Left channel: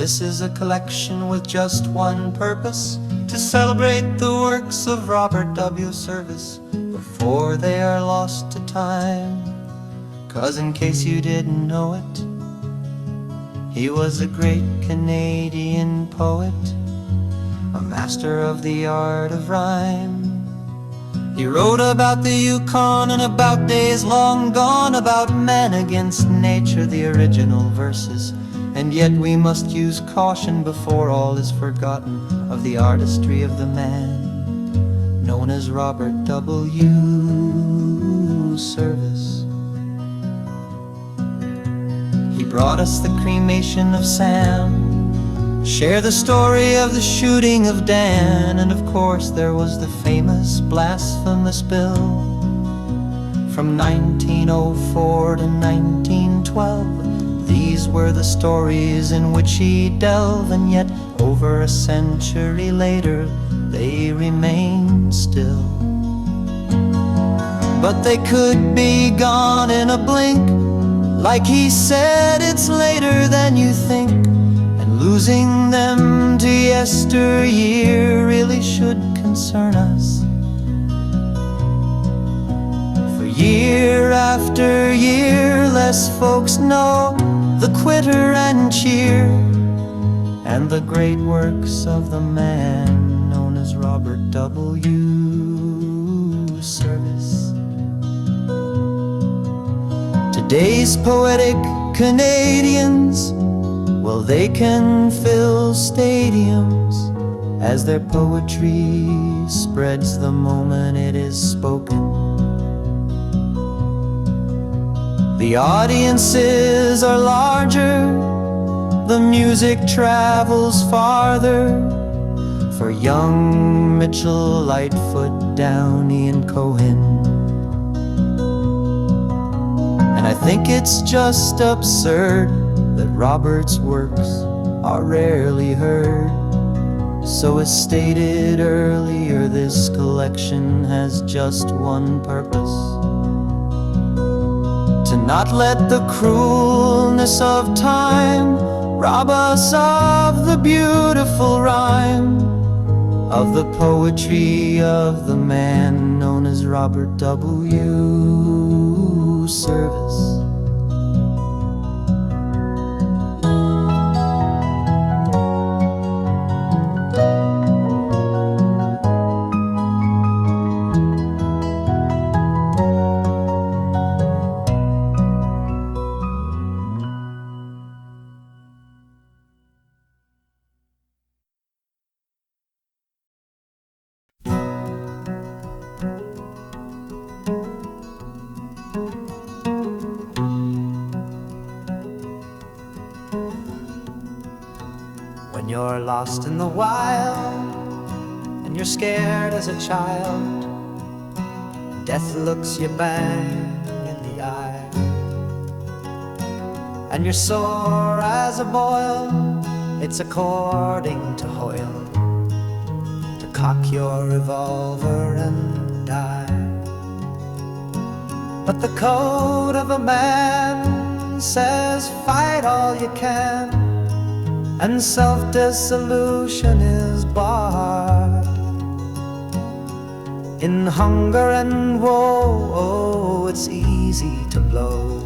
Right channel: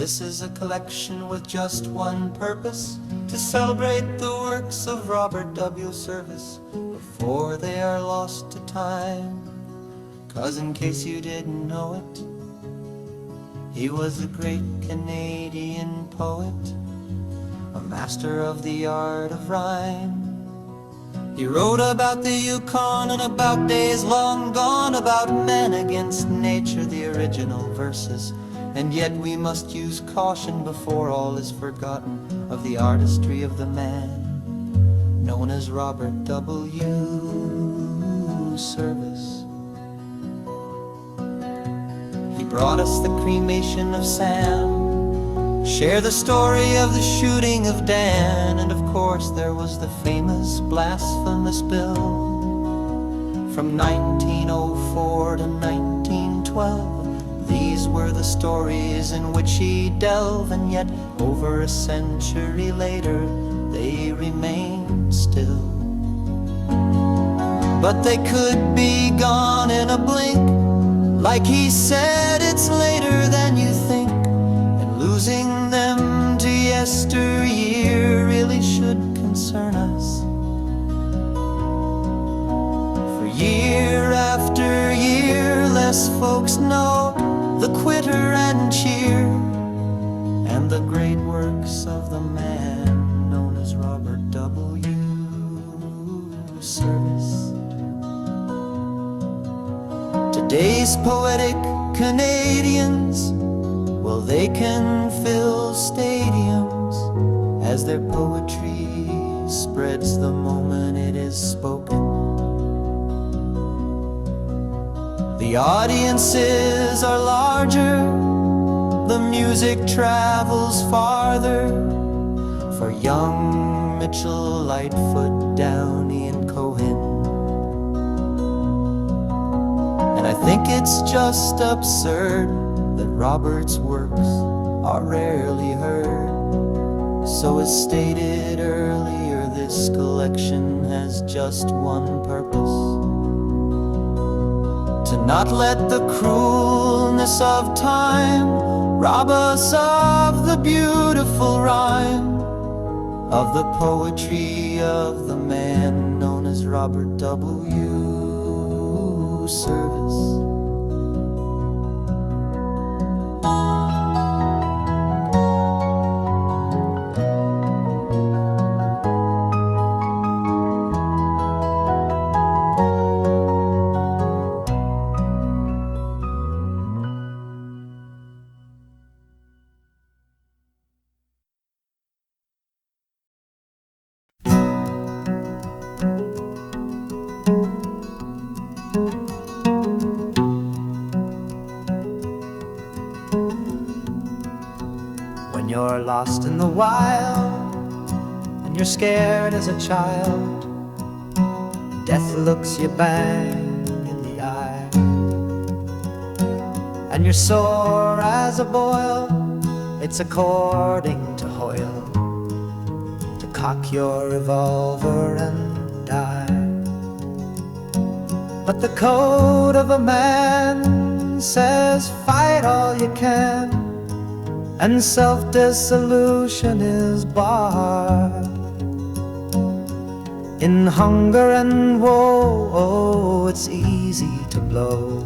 This is a collection with just one purpose: to celebrate the works of Robert W. Service before they are lost to time. 'Cause in case you didn't know it, he was a great Canadian poet, a master of the art of rhyme. He wrote about the Yukon and about days long gone, about men against nature, the original verses. And yet we must use caution before all is forgotten of the artistry of the man known as Robert W. Service. He brought us the cremation of Sam, share the story of the shooting of Dan, and of course there was the famous Blasphemous bill from 1904 to 1912. These were the stories in which he delved, and yet over a century later they remain still. But they could be gone in a blink, like he said, it's later than you think. Losing them to yesteryear really should concern us. For year after year, less folks know the quitter and cheer and the great works of the man known as Robert W. Service. Today's poetic Canadians, well, they can fill stadiums as their poetry spreads the moment it is spoken. The audiences are larger, the music travels farther, for young Mitchell, Lightfoot, Downey, and Cohen. And I think it's just absurd that Robert's works are rarely heard. So as stated earlier, this collection has just one purpose: to not let the cruelness of time rob us of the beautiful rhyme of the poetry of the man known as Robert W. Service. When you're lost in the wild and you're scared as a child, death looks you bang in the eye, and you're sore as a boil, it's according to Hoyle to cock your revolver and die. But the code of a man says fight all you can, and self-dissolution is barred. In hunger and woe, oh, it's easy to blow.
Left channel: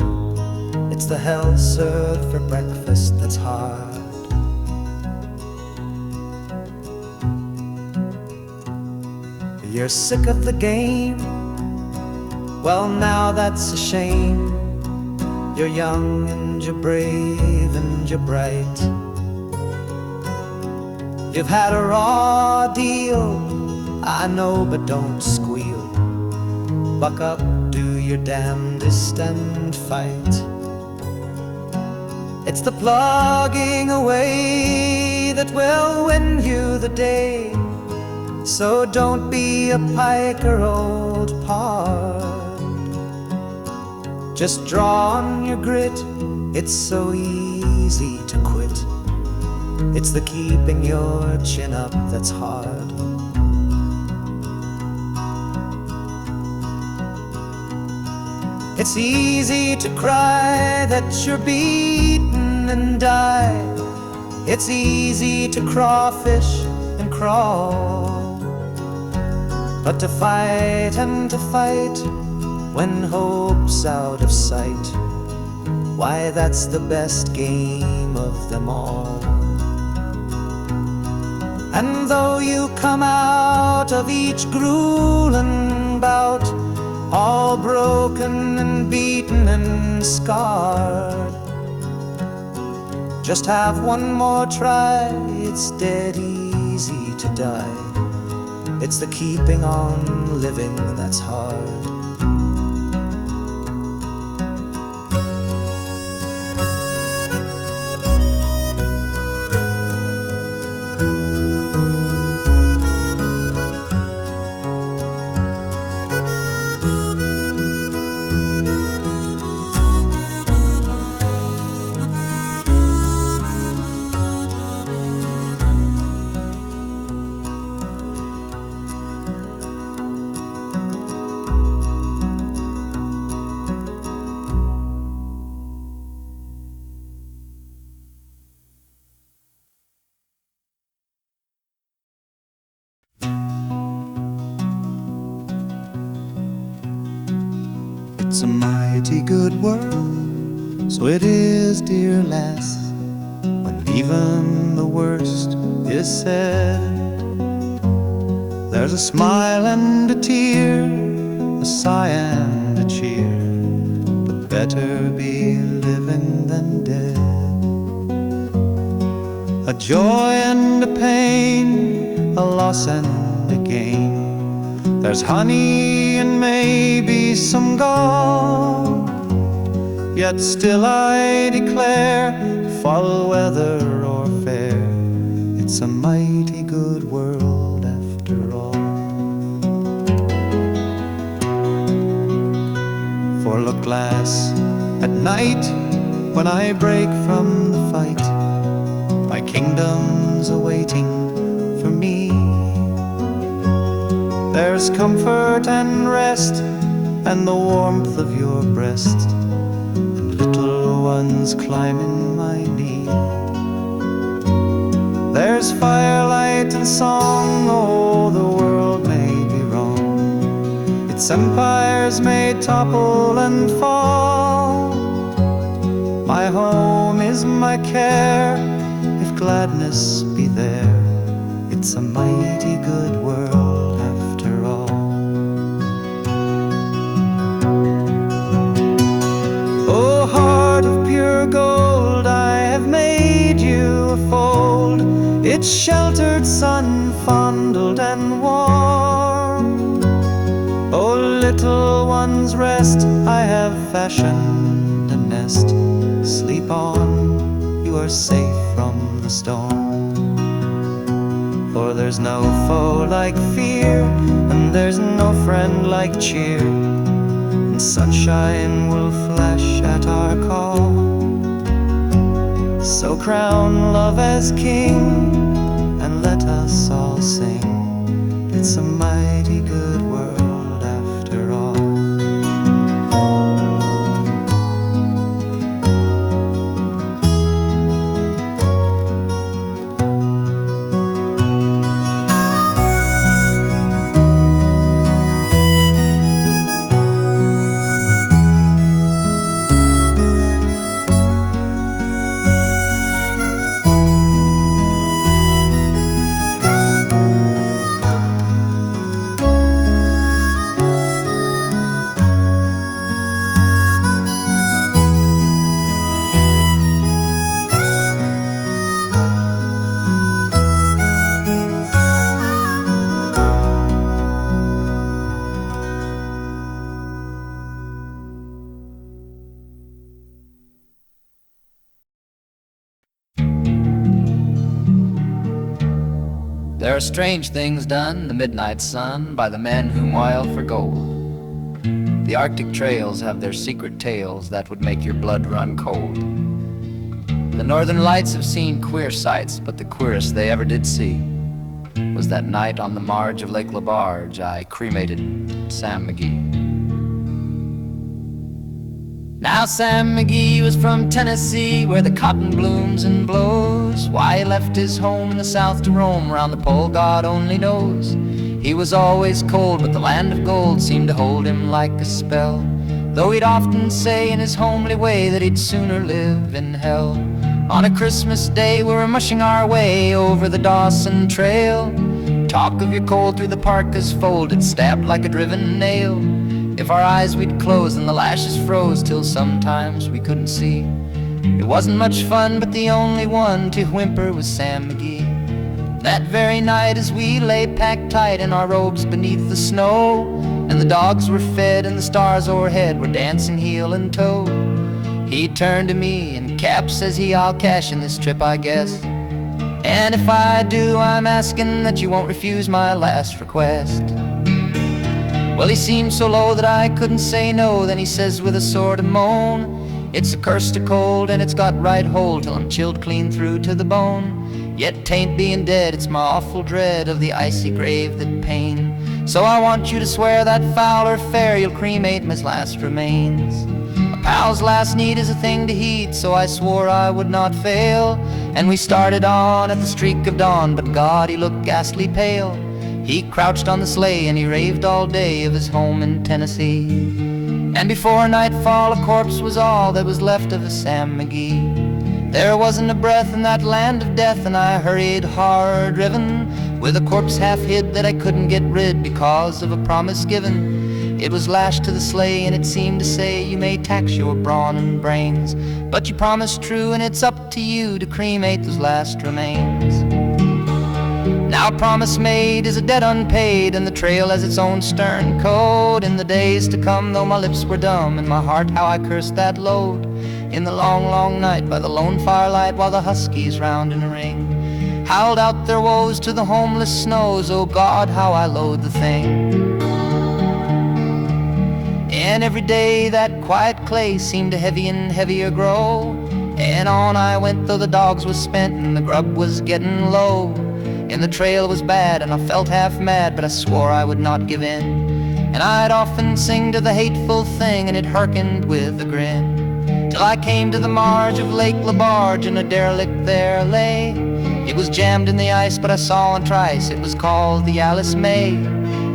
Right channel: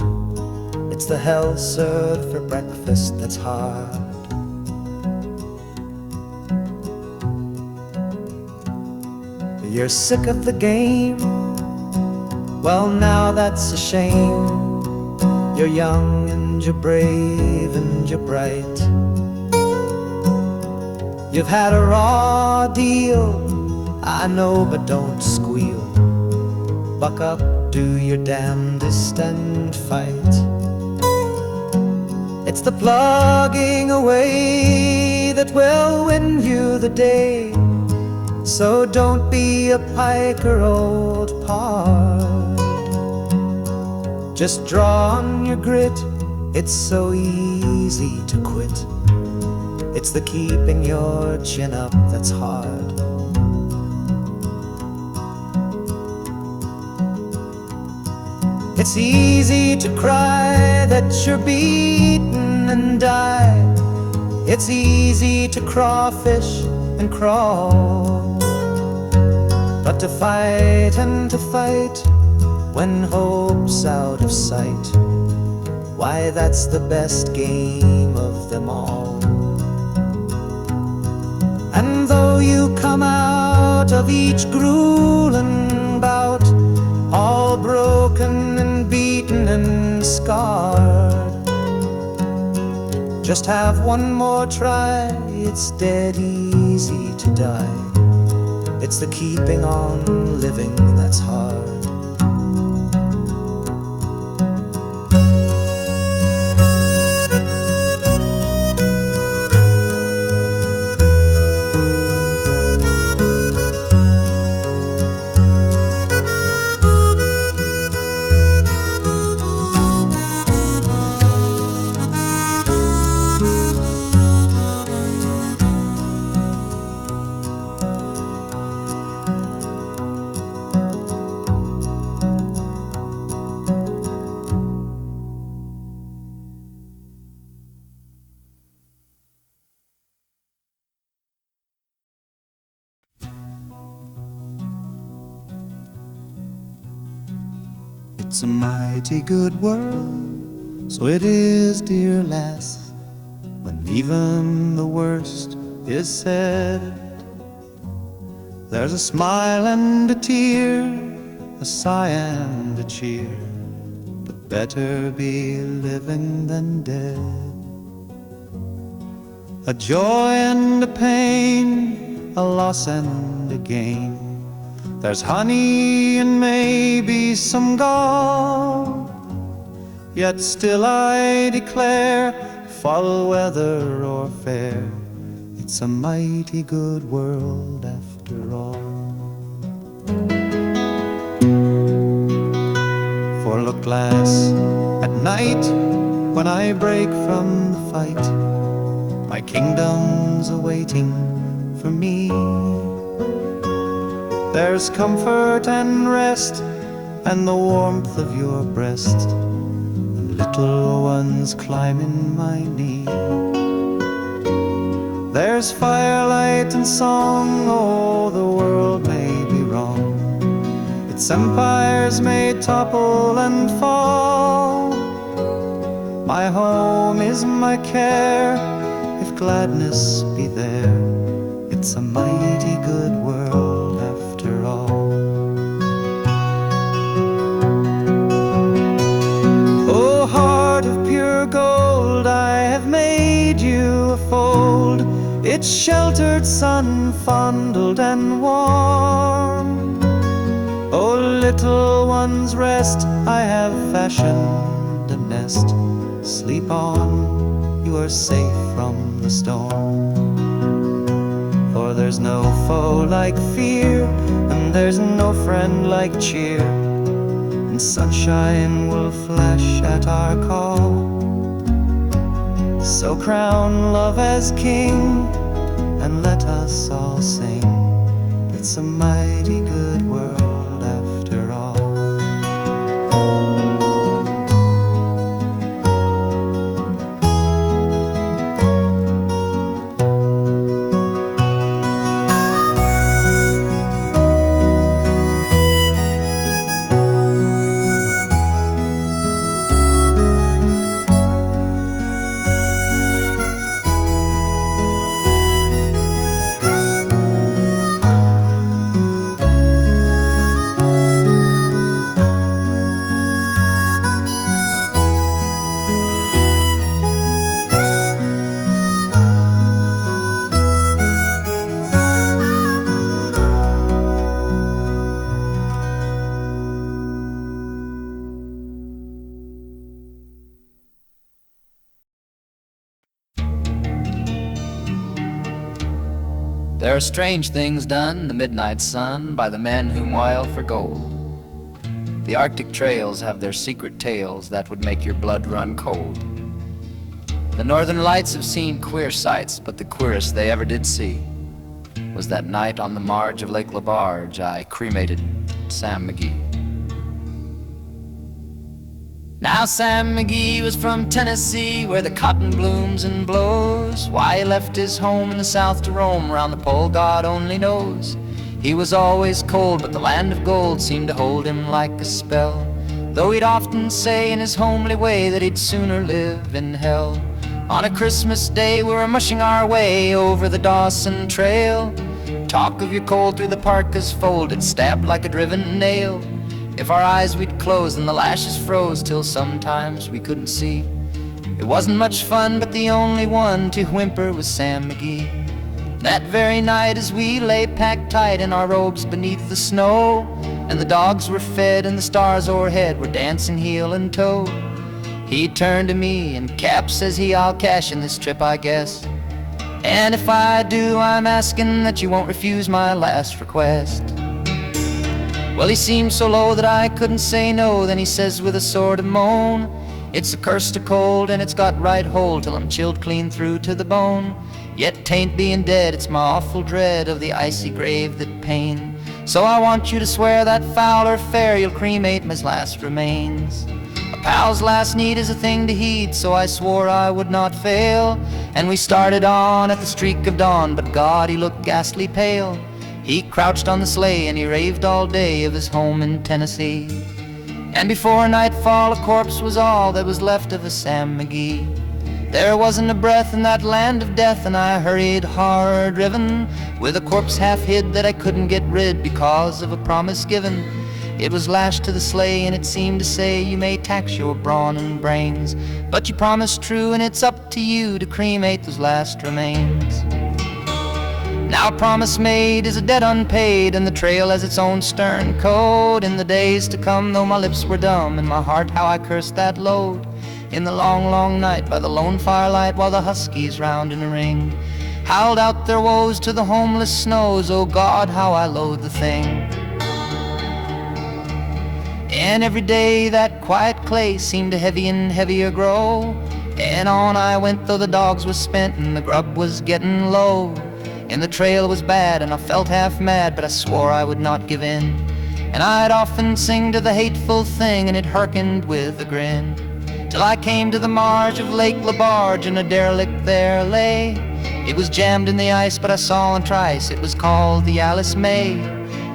It's the hell served for breakfast that's hard. You're sick of the game? Well, now that's a shame. You're young and you're brave and you're bright. You've had a raw deal, I know, but don't squeal. Buck up, do your damnedest and fight. It's the plugging away that will win you the day. So don't be a piker, old pard. Just draw on your grit, it's so easy to quit. It's the keeping your chin up that's hard. It's easy to cry that you're beaten and die, It's easy to crawfish and crawl, but to fight and to fight when hope's out of sight, why, that's the best game of them all. And though you come out of each grueling bout all broken and beaten and scarred, just have one more try, it's dead easy to die. It's the keeping on living that's hard. It's a mighty good world, so it is, dear lass, when even the worst is said. There's a smile and a tear, a sigh and a cheer, but better be living than dead. A joy and a pain, a loss and a gain, there's honey and maybe some gall. Yet still I declare, foul weather or fair, it's a mighty good world after all. For look, lass, at night when I break from the fight, my kingdom's awaiting for me. There's comfort and rest, and the warmth of your breast, and little ones climbing my knee. There's firelight and song, oh, the world may be wrong, its empires may topple and fall. My home is my care, if gladness be there, it's a mighty good world after all. Oh, heart of pure gold, I have made you a fold, it's sheltered, sun fondled and warm. Oh, little one's rest, I have fashioned a nest, sleep on, you are safe from the storm. For there's no foe like fear, and there's no friend like cheer, and sunshine will flash at our call. So crown love as king, and let us all sing, it's a mighty good world after all. There are strange things done in the midnight sun by the men who moil for gold. The Arctic trails have their secret tales that would make your blood run cold. The northern lights have seen queer sights, but the queerest they ever did see was that night on the marge of Lake LaBarge I cremated Sam McGee. Now Sam McGee was from Tennessee, where the cotton blooms and blows. Why he left his home in the south to roam around the pole, God only knows. He was always cold, but the land of gold seemed to hold him like a spell, though he'd often say in his homely way that he'd sooner live in hell. On a Christmas day we were mushing our way over the Dawson Trail. Talk of your cold through the parka's fold, it stabbed like a driven nail. If our eyes we'd close and the lashes froze till sometimes we couldn't see. It wasn't much fun, but the only one to whimper was Sam McGee. That very night as we lay packed tight in our robes beneath the snow, and the dogs were fed and the stars o'erhead were dancing heel and toe, he turned to me and, "Cap," says he, "I'll cash in this trip, I guess. And if I do, I'm asking that you won't refuse my last request." Well, he seemed so low that I couldn't say no. Then he says with a sort of moan, "It's a curse to cold, and it's got right hold till I'm chilled clean through to the bone. Yet 'tain't being dead, it's my awful dread of the icy grave that pain. So I want you to swear that foul or fair you'll cremate my last remains." A pal's last need is a thing to heed, so I swore I would not fail. And we started on at the streak of dawn, but God, he looked ghastly pale. He crouched on the sleigh and he raved all day of his home in Tennessee. And before nightfall a corpse was all that was left of a Sam McGee. There wasn't a breath in that land of death, and I hurried hard driven, with a corpse half hid that I couldn't get rid because of a promise given. It was lashed to the sleigh and it seemed to say, "You may tax your brawn and brains, but you promised true, and it's up to you to cremate those last remains." Now a promise made is a debt unpaid, and the trail has its own stern code. In the days to come, though my lips were dumb, in my heart how I cursed that load. In the long, long night by the lone firelight, while the huskies round in a ring howled out their woes to the homeless snows, oh God, how I loathe the thing. And every day that quiet clay seemed to heavy and heavier grow, and on I went though the dogs was spent and the grub was getting low. And the trail was bad and I felt half mad, but I swore I would not give in. And I'd often sing to the hateful thing, and it hearkened with a grin, till I came to the marge of Lake LaBarge, and a derelict there lay. It was jammed in the ice, but I saw in trice it was called the Alice May.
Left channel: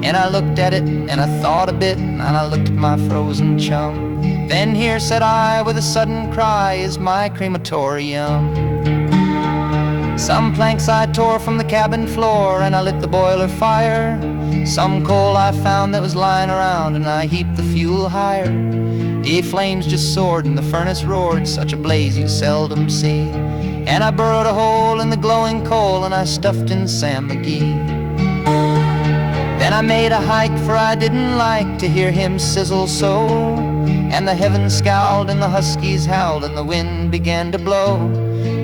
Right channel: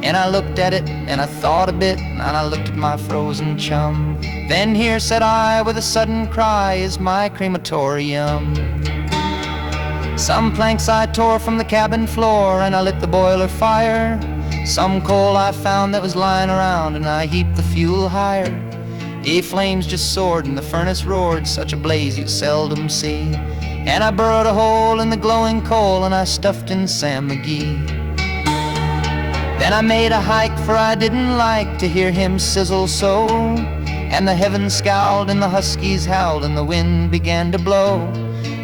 And I looked at it and I thought a bit, and I looked at my frozen chum. "Then here," said I with a sudden cry, "is my crematorium." Some planks I tore from the cabin floor, and I lit the boiler fire. Some coal I found that was lying around, and I heaped the fuel higher. The flames just soared and the furnace roared, such a blaze you seldom see. And I burrowed a hole in the glowing coal, and I stuffed in Sam McGee. Then I made a hike, for I didn't like to hear him sizzle so. And the heavens scowled and the huskies howled and the wind began to blow.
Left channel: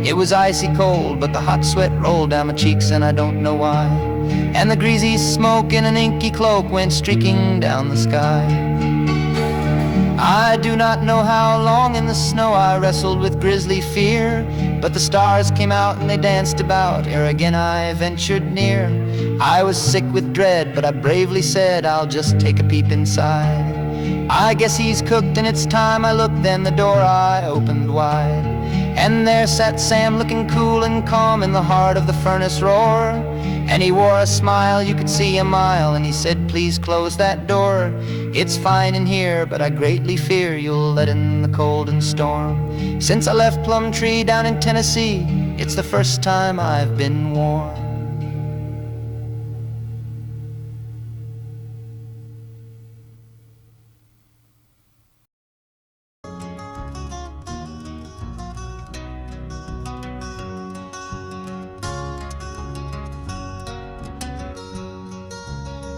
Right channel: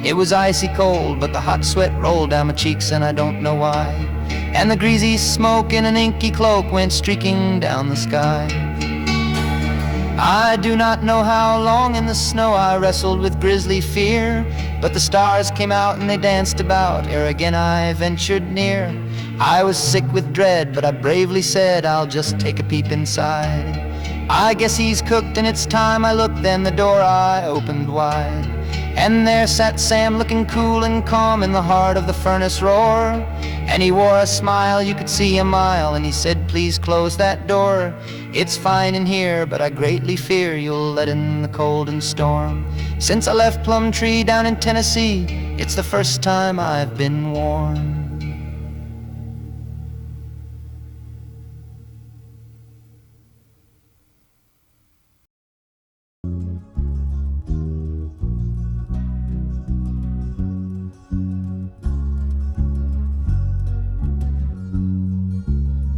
It was icy cold, but the hot sweat rolled down my cheeks, and I don't know why. And the greasy smoke in an inky cloak went streaking down the sky. I do not know how long in the snow I wrestled with grisly fear, but the stars came out and they danced about ere again I ventured near. I was sick with dread, but I bravely said, "I'll just take a peep inside. I guess he's cooked and it's time I looked." Then the door I opened wide, and there sat Sam looking cool and calm in the heart of the furnace roar. And he wore a smile you could see a mile, and he said, "Please close that door. It's fine in here, but I greatly fear you'll let in the cold and storm. Since I left Plum Tree down in Tennessee, it's the first time I've been warm."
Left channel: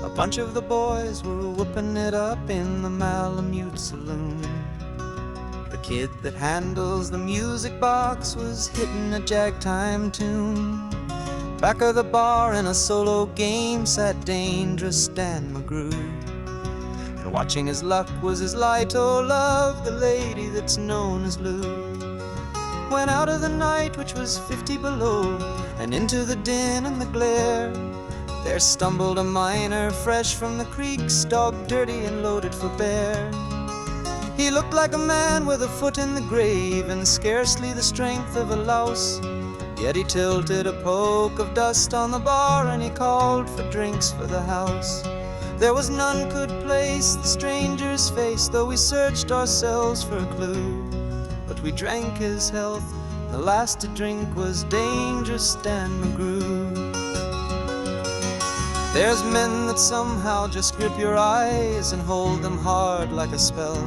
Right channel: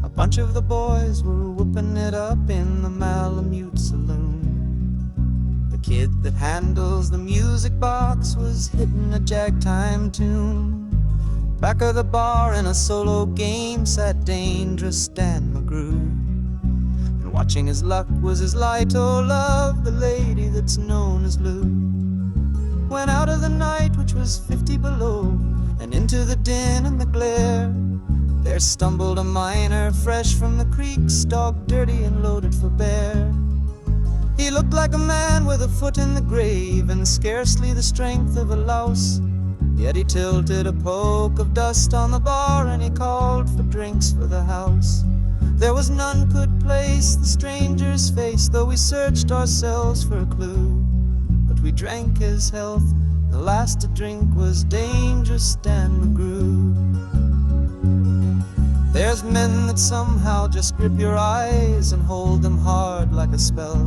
A bunch of the boys were whooping it up in the Malamute saloon. The kid that handles the music box was hitting a jagtime tune. Back of the bar in a solo game sat dangerous Dan McGrew, and watching his luck was his light, oh love, the lady that's known as Lou. Went out of the night, which was 50 below, and into the din and the glare. There stumbled a miner fresh from the creek, stock dirty and loaded for bear. He looked like a man with a foot in the grave and scarcely the strength of a louse. Yet he tilted a poke of dust on the bar and he called for drinks for the house. There was none could place the stranger's face, though we searched ourselves for a clue. But we drank his health, the last to drink was Dangerous Dan McGrew. There's men that somehow just grip your eyes and hold them hard like a spell.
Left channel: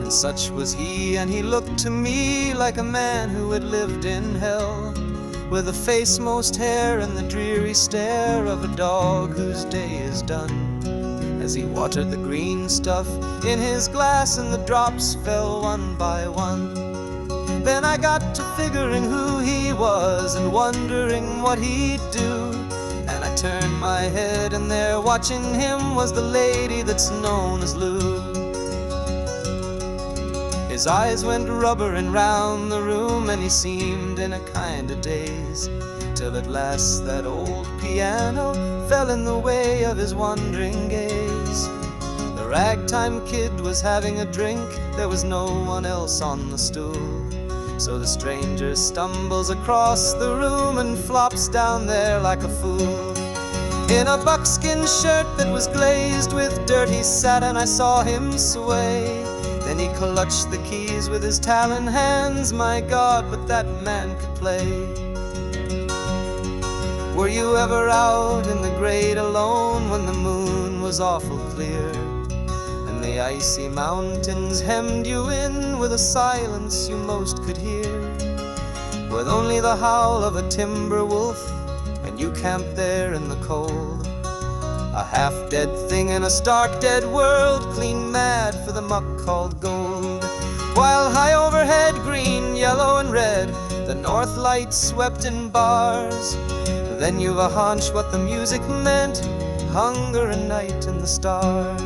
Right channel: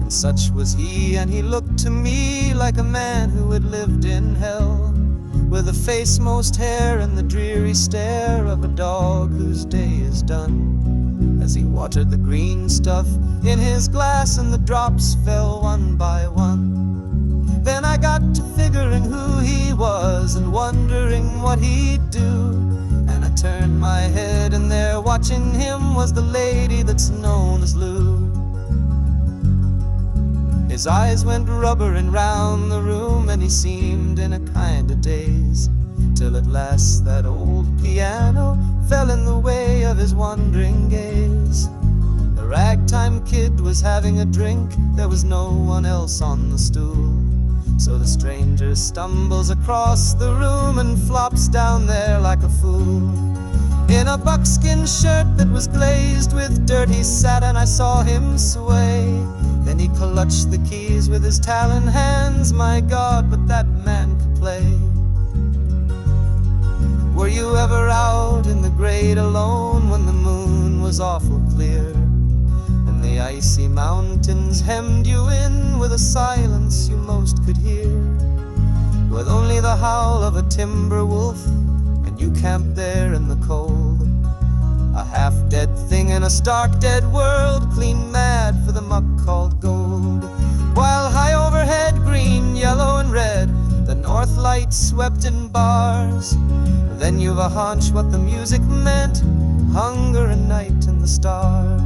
And such was he, and he looked to me like a man who had lived in hell, with a face most hair and the dreary stare of a dog whose day is done, as he watered the green stuff in his glass and the drops fell one by one. Then I got to figuring who he was and wondering what he'd do, and I turned my head and there watching him was the lady that's known as Lou. His eyes went rubbering round the room and he seemed in a kind of daze, till at last that old piano fell in the way of his wandering gaze. The ragtime kid was having a drink, there was no one else on the stool. So the stranger stumbles across the room and flops down there like a fool. In a buckskin shirt that was glazed with dirty satin, I saw him sway. Then he clutched the keys with his talon hands. My God, but that man could play. Were you ever out in the great alone when the moon was awful clear, and the icy mountains hemmed you in with a silence you most could hear, with only the howl of a timber wolf, and you camped there in the cold, a half-dead thing in a stark dead world, clean mad for the muck called gold. While high overhead, green, yellow and red, the north lights swept in bars. Then you've a hunch what the music meant, hunger and night and the stars.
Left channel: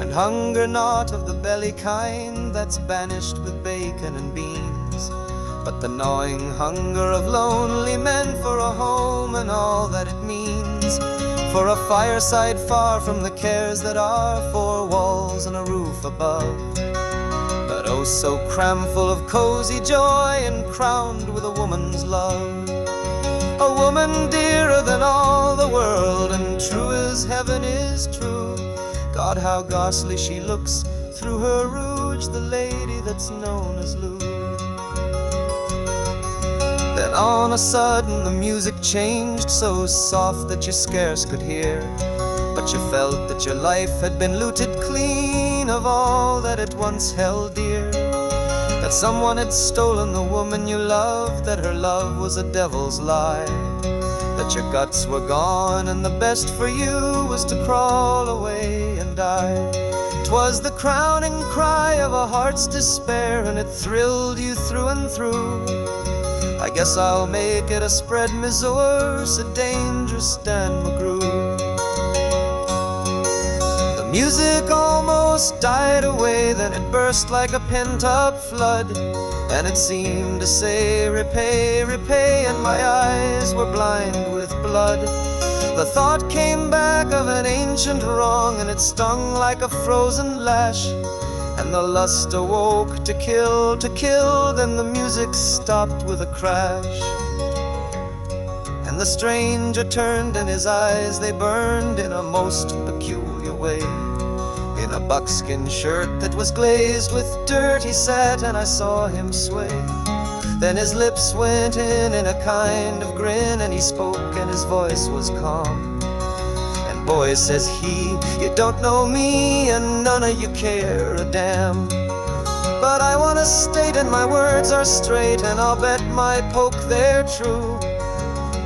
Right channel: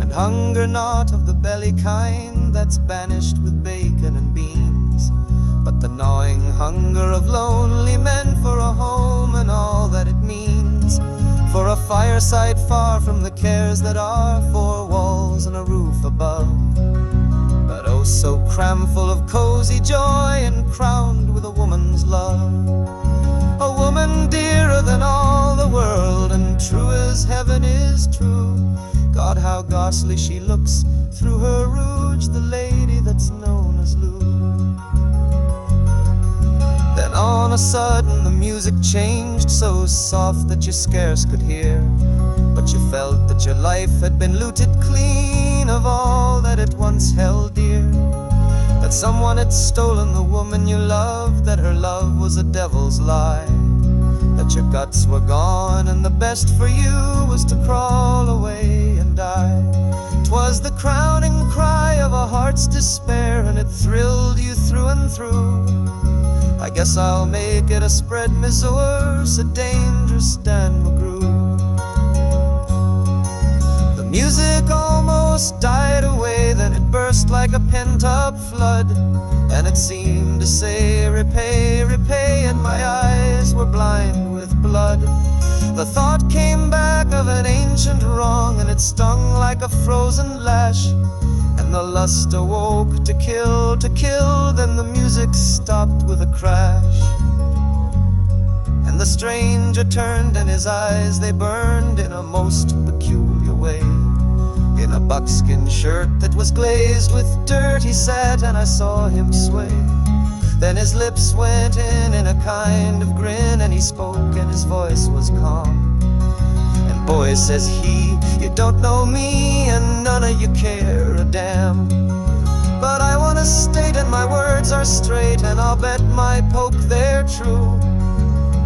And hunger not of the belly kind that's banished with bacon and beans, but the gnawing hunger of lonely men for a home and all that it means, for a fireside far from the cares that are, four walls and a roof above, but oh so cramful of cozy joy and crowned with a woman's love. A woman dearer than all the world and true as heaven is true. God, how ghastly she looks through her rouge, the lady that's known as Lou. Then on a sudden the music changed, so soft that you scarce could hear, but you felt that your life had been looted clean of all that it once held dear, that someone had stolen the woman you loved, that her love was a devil's lie, that your guts were gone and the best for you was to crawl away and die. 'Twas the crowning cry of a heart's despair, and it thrilled you through and through. I guess I'll make it a spread, Missouri, said Dangerous Dan McGrew. The music almost died away, then it burst like a pent-up flood, and it seemed to say, repay, repay, and my eyes were blind with blood. The thought came back of an ancient wrong, and it stung like a frozen lash, and the lust awoke to kill, then the music stopped with a crash. And the stranger turned and his eyes they burned in a most peculiar way, in a buckskin shirt that was glazed with dirty satin, I saw him sway. Then his lips went in a kind of grin, and he spoke and his voice was calm. Boy, says he, you don't know me and none of you care a damn, but I want to state, and my words are straight, and I'll bet my poke they're true,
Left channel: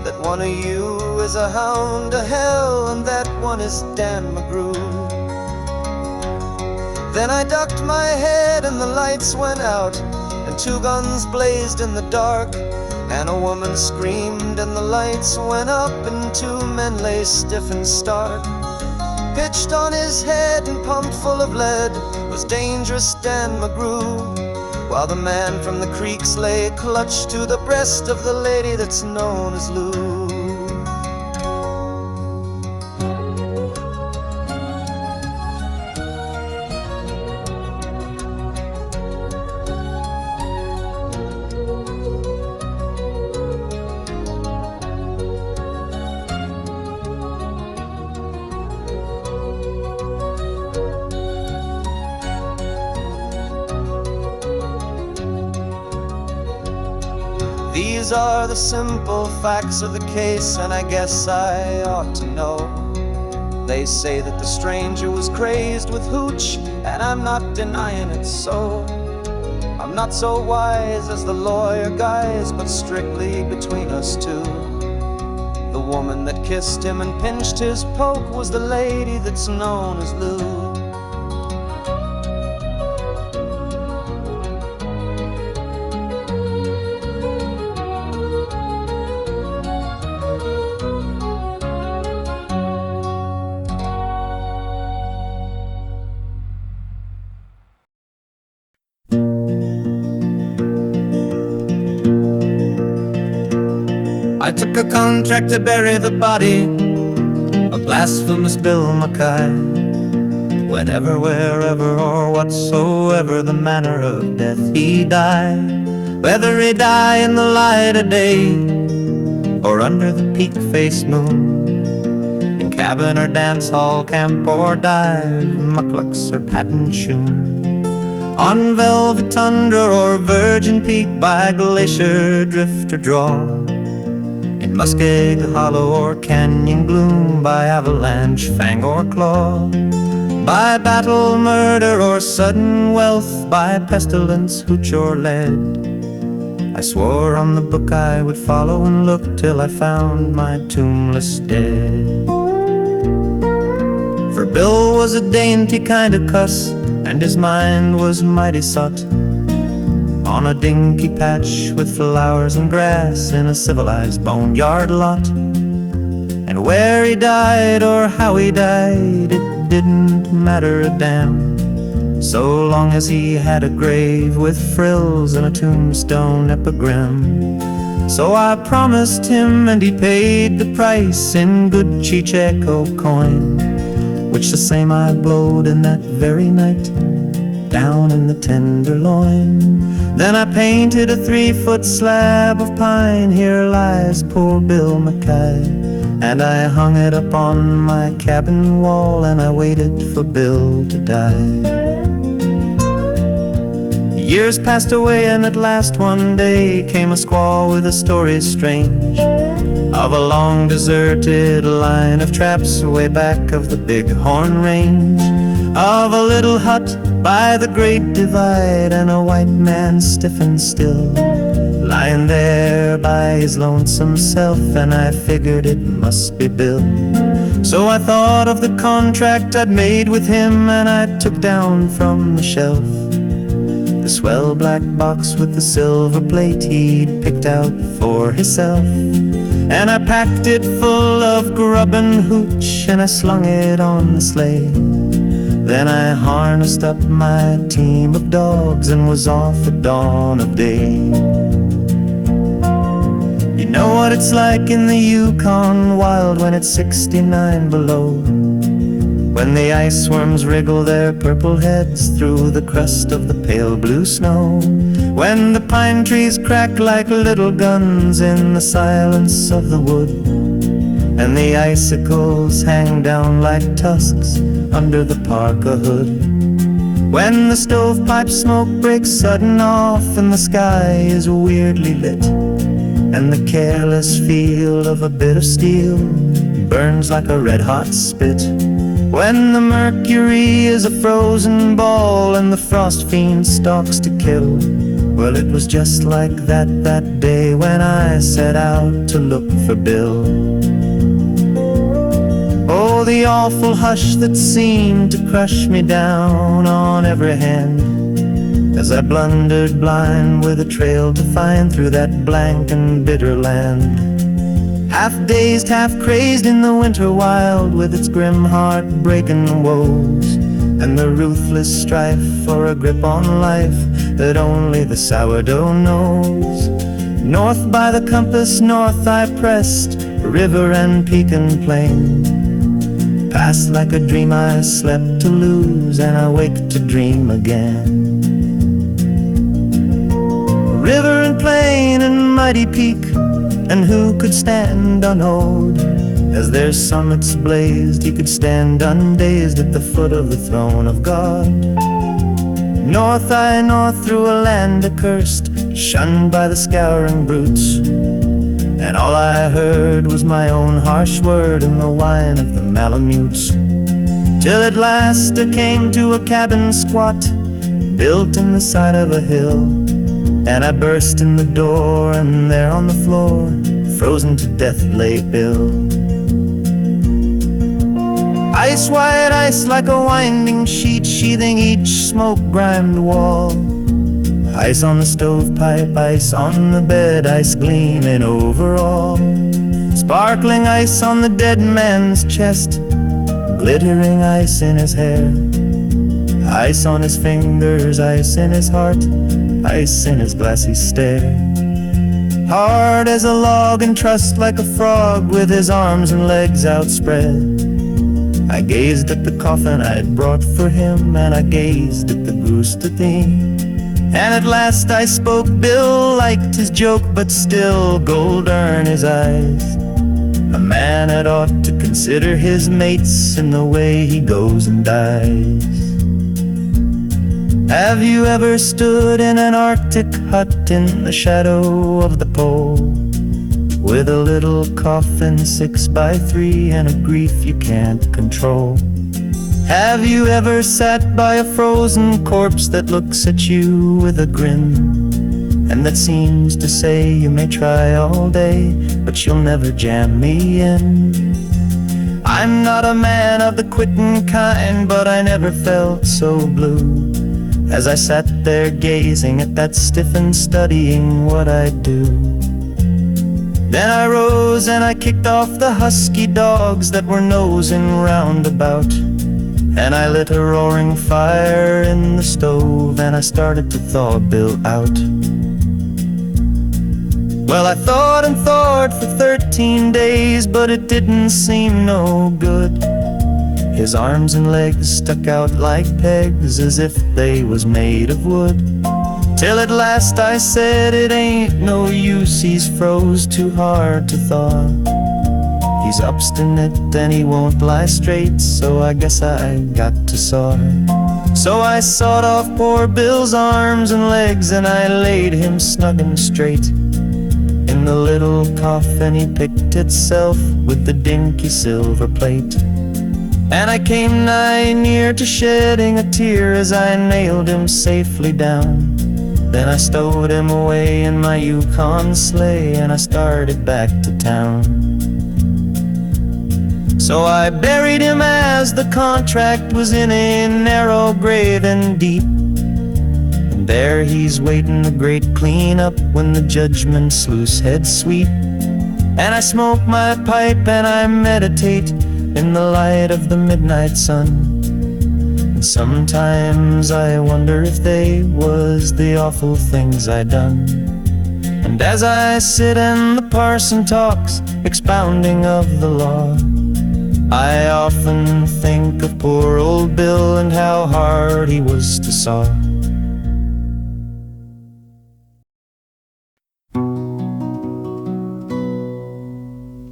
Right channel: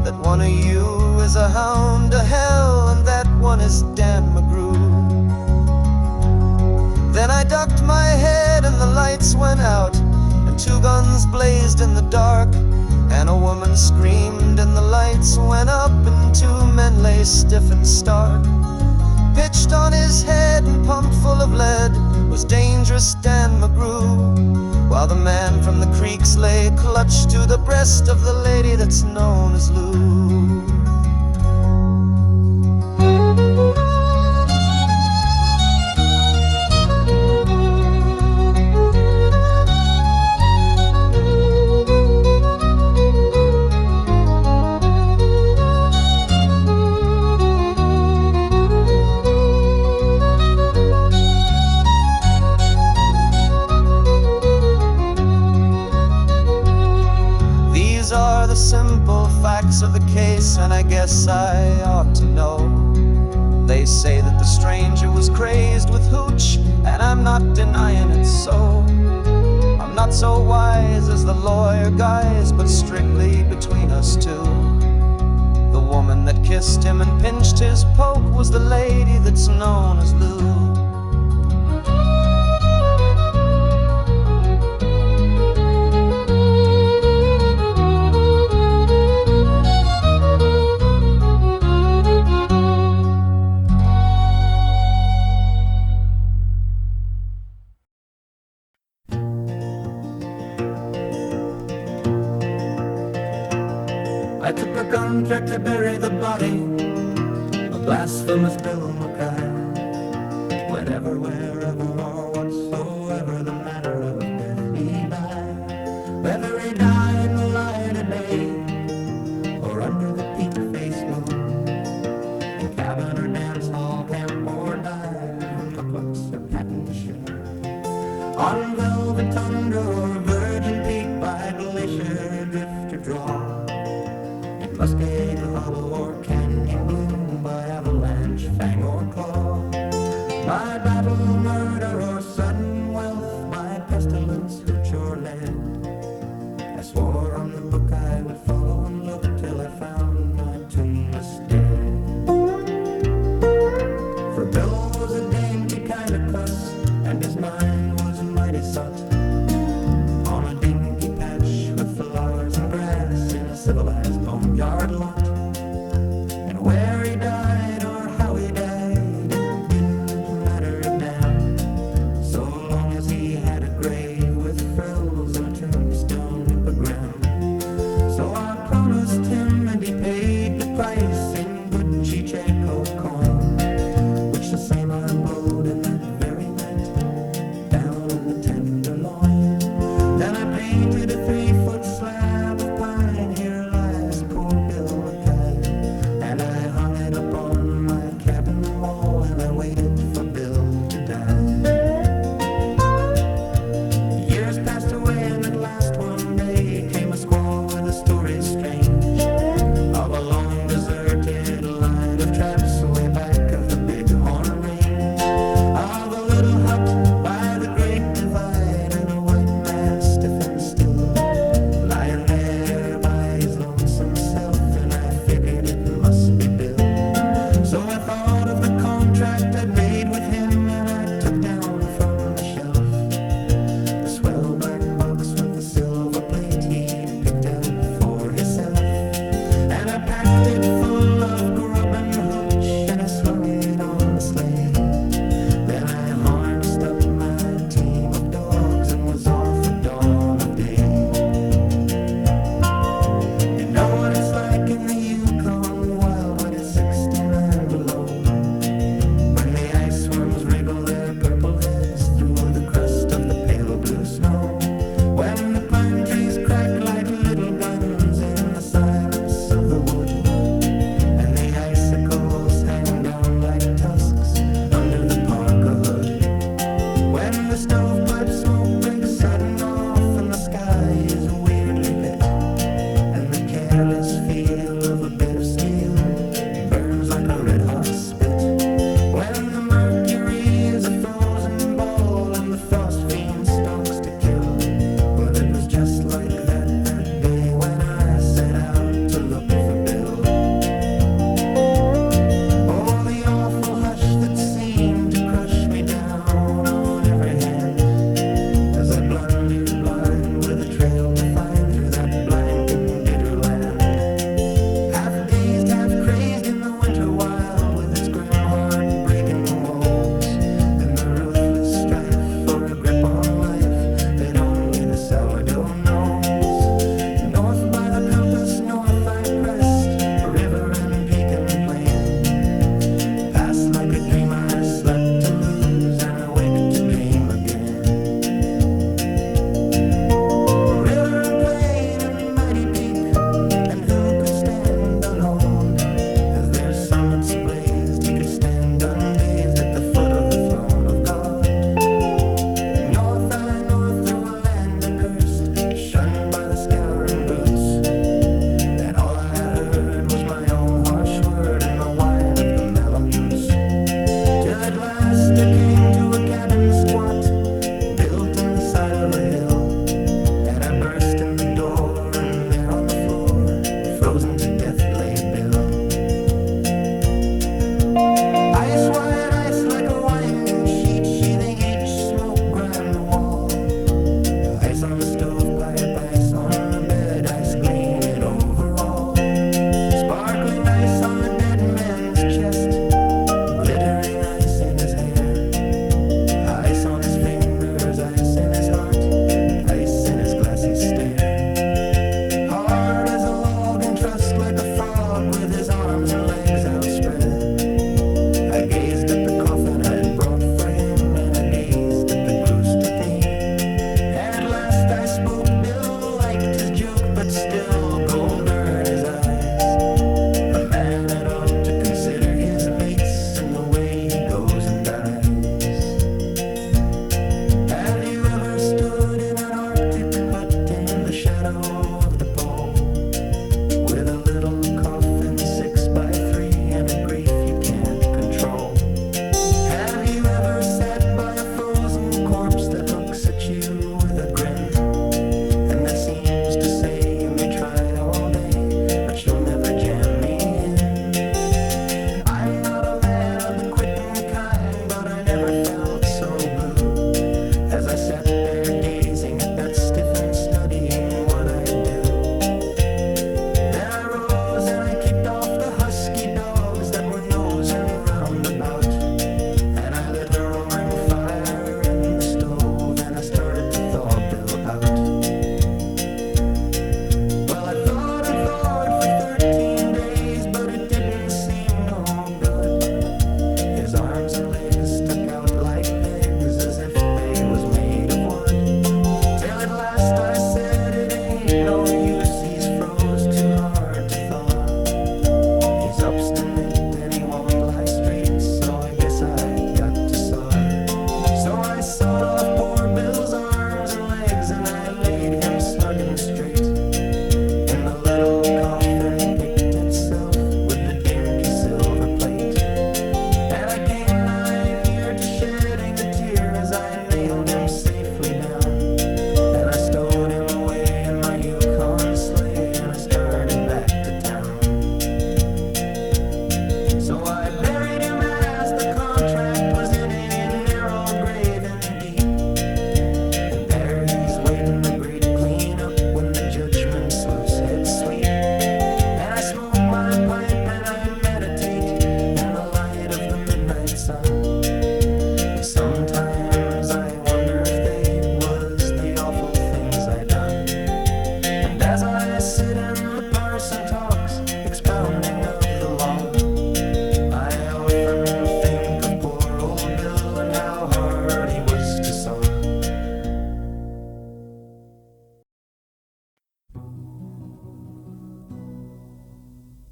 that one of you is a hound to hell and that one is Dan McGrew. Then I ducked my head and the lights went out, and two guns blazed in the dark, and a woman screamed and the lights went up, and two men lay stiff and stark. Pitched on his head and pumped full of lead was Dangerous Dan McGrew, while the man from the creeks lay clutched to the breast of the lady that's known as Lou. These are the simple facts of the case, and I guess I ought to know. They say that the stranger was crazed with hooch, and I'm not denying it so. I'm not so wise as the lawyer guys, but strictly between us two. The woman that kissed him and pinched his poke was the lady that's known as Lou. I took a contract to bury the body of Blasphemous Bill McGee. Whenever, wherever, or whatsoever the manner of death he died, whether he die in the light of day or under the peak-faced moon, in cabin or dance hall, camp or dive, mucklucks or patent shoon, on velvet tundra or virgin peak, by glacier drift or draw, in muskeg hollow or canyon gloom, by avalanche, fang or claw, by battle, murder, or sudden wealth, by pestilence, hooch or lead. I swore on the book I would follow and look till I found my tombless dead. For Bill was a dainty kind of cuss, and his mind was mighty sot, on a dinky patch with flowers and grass in a civilized boneyard lot. And where he died or how he died, it didn't matter a damn, so long as he had a grave with frills and a tombstone epigram. So I promised him, and he paid the price in good Chicheco coin, which the same I blowed in that very night, down in the Tenderloin. Then I painted a 3-foot slab of pine, here lies poor Bill McGee, and I hung it up on my cabin wall, and I waited for Bill to die. Years passed away, and at last one day came a squaw with a story strange, of a long deserted line of traps way back of the Bighorn Range, of a little hut by the Great Divide, and a white man stiff and still, lying there by his lonesome self, and I figured it must be Bill. So I thought of the contract I'd made with him, and I took down from the shelf the swell black box with the silver plate he'd picked out for himself. And I packed it full of grub and hooch, and I slung it on the sleigh. Then I harnessed up my team of dogs and was off at dawn of day. You know what it's like in the Yukon wild when it's 69 below, when the ice worms wriggle their purple heads through the crust of the pale blue snow, when the pine trees crack like little guns in the silence of the wood, and the icicles hang down like tusks under the parka hood, when the stovepipe smoke breaks sudden off and the sky is weirdly lit, and the careless feel of a bit of steel burns like a red-hot spit, when the mercury is a frozen ball and the frost fiend stalks to kill. Well, it was just like that day when I set out to look for Bill. Oh, the awful hush that seemed to crush me down on every hand, as I blundered blind with a trail to find through that blank and bitter land. Half dazed, half crazed in the winter wild, with its grim heart-breaking woes, and the ruthless strife for a grip on life that only the sourdough knows. North by the compass, north I pressed, river and peak and plain, past like a dream I slept to lose, and I wake to dream again. River and plain and mighty peak, and who could stand unawed as their summits blazed? He could stand undazed at the foot of the throne of God. North I north through a land accursed, shunned by the scouring brutes, and all I heard was my own harsh word and the whine of the malamutes. Till at last I came to a cabin squat, built in the side of a hill, and I burst in the door, and there on the floor, frozen to death lay Bill. Ice white ice like a winding sheet, sheathing each smoke-grimed wall. Ice on the stovepipe, ice on the bed, ice gleaming over all. Sparkling ice on the dead man's chest, glittering ice in his hair. Ice on his fingers, ice in his heart, ice in his glassy stare. Hard as a log and trussed like a frog, with his arms and legs outspread, I gazed at the coffin I had brought for him, and I gazed at the Grooster theme. And at last I spoke. Bill liked his joke, but still gold-earn his eyes. A man had ought to consider his mates in the way he goes and dies. Have you ever stood in an Arctic hut in the shadow of the pole, with a little coffin 6x3 and a grief you can't control? Have you ever sat by a frozen corpse that looks at you with a grin, and that seems to say, you may try all day, but you'll never jam me in? I'm not a man of the quitting kind, but I never felt so blue as I sat there gazing at that stiffened, studying what I'd do. Then I rose and I kicked off the husky dogs that were nosing round about, and I lit a roaring fire in the stove, and I started to thaw Bill out. Well, I thought and thought for 13 days, but it didn't seem no good. His arms and legs stuck out like pegs, as if they was made of wood. Till at last I said, it ain't no use, he's froze too hard to thaw. He's obstinate and he won't lie straight, so I guess I got to saw. So I sawed off poor Bill's arms and legs, and I laid him snug and straight in the little coffin he picked itself with the dinky silver plate. And I came nigh near to shedding a tear as I nailed him safely down. Then I stowed him away in my Yukon sleigh, and I started back to town. So I buried him as the contract was, in a narrow grave and deep, and there he's waiting the great clean-up when the judgment sluice heads sweep. And I smoke my pipe and I meditate in the light of the midnight sun, and sometimes I wonder if they was the awful things I done. And as I sit and the parson talks, expounding of the law, I often think of poor old Bill and how hard he was to saw.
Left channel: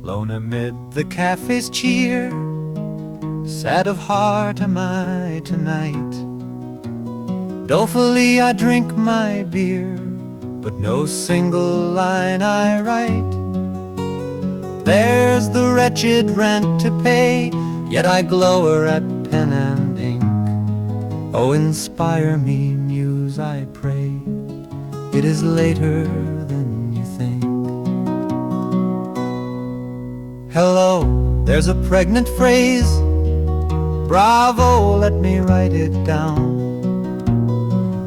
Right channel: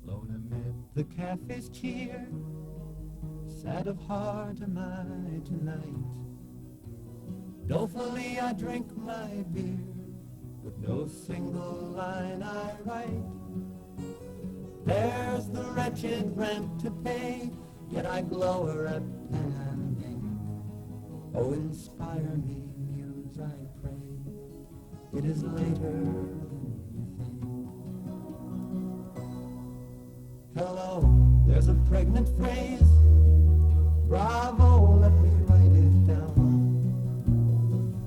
Lone amid the cafe's cheer, sad of heart am I tonight. Dolefully I drink my beer, but no single line I write. There's the wretched rent to pay, yet I glower at pen and ink. Oh, inspire me, muse, I pray. It is later than you think. Hello, there's a pregnant phrase. Bravo, let me write it down.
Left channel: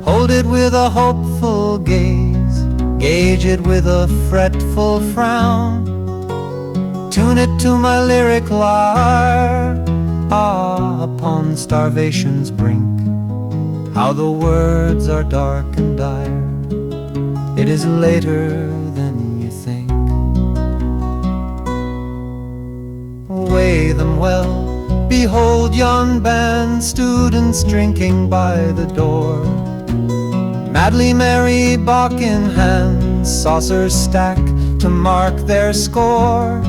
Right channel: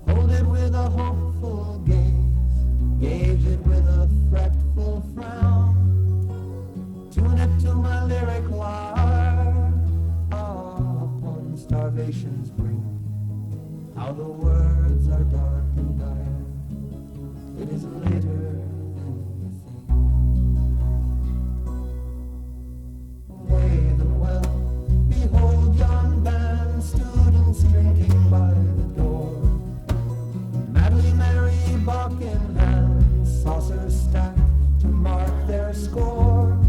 Hold it with a hopeful gaze, gauge it with a fretful frown. Tune it to my lyric lyre. Ah, upon starvation's brink, how the words are dark and dire. It is later than you think. Weigh them well. Behold yon band, students drinking by the door. Madly merry Bach in hand, saucers stack to mark their score.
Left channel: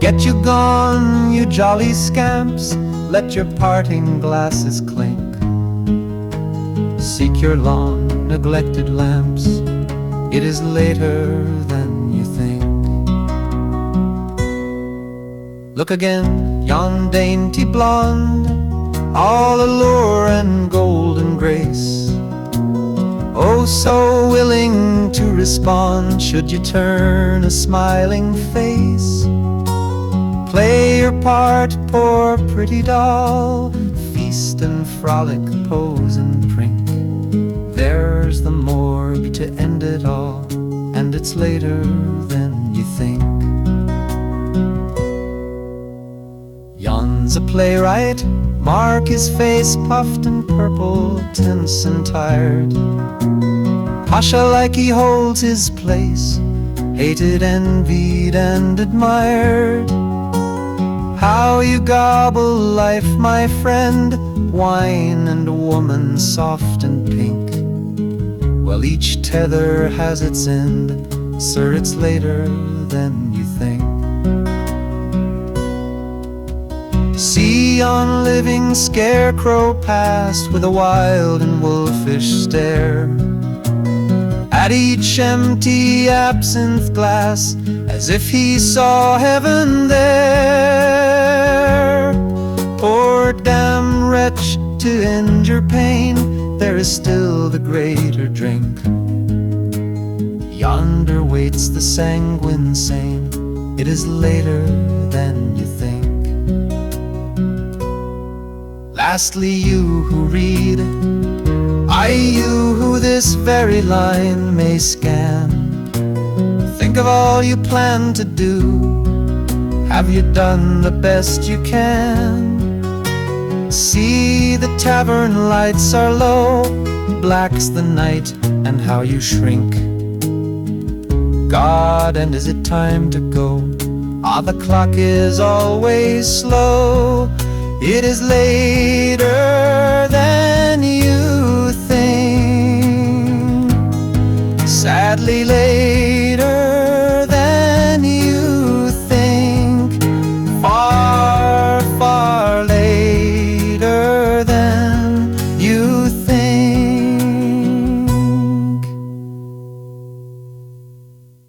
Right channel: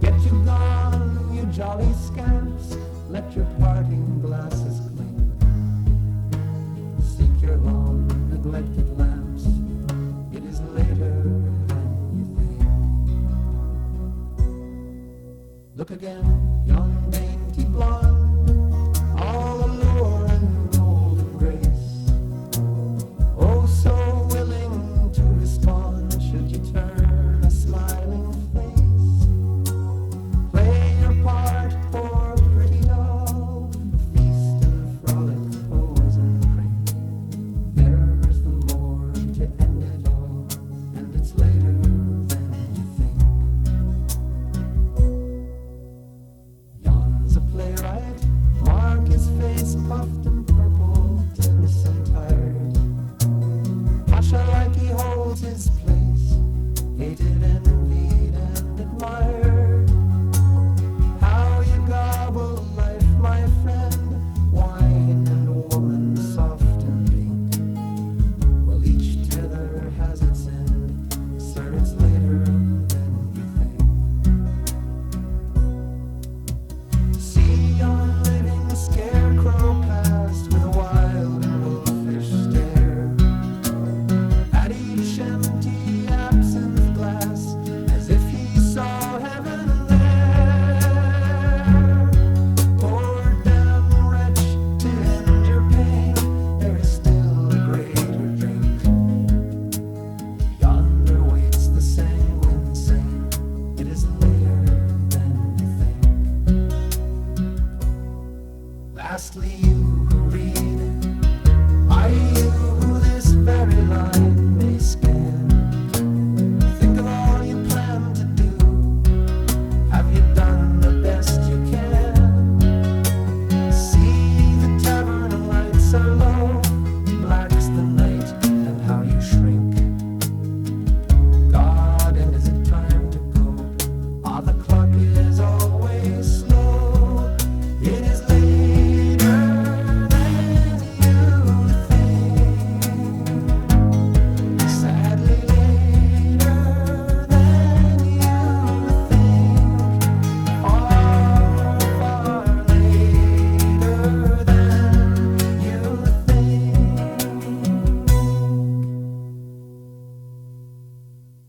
Get you gone, you jolly scamps, let your parting glasses clink. Seek your long neglected lamps. it is later than you think. Look again, yon dainty blonde, all allure and golden grace. Oh, so willing to respond, should you turn a smiling face. Play your part, poor pretty doll, feast and frolic, pose and prink. There's the morgue to end it all, and it's later than you think. Yon's a playwright, mark his face puffed and purple, tense and tired. Pasha like he holds his place, hated, envied and admired. How you gobble life, my friend, wine and woman soft and pink. Well, each tether has its end, sir, it's later than you think. See yon living scarecrow past with a wild and wolfish stare at each empty absinthe glass, as if he saw heaven there. Poor damn wretch, to end your pain, there is still the greater drink. Yonder waits the sanguine sane, it is later than you think. Lastly, you who read, you who this very line may scan, think of all you plan to do. Have you done the best you can? See, the tavern lights are low, black's the night, and how you shrink. God, and is it time to go? Ah, the clock is always slow, it is late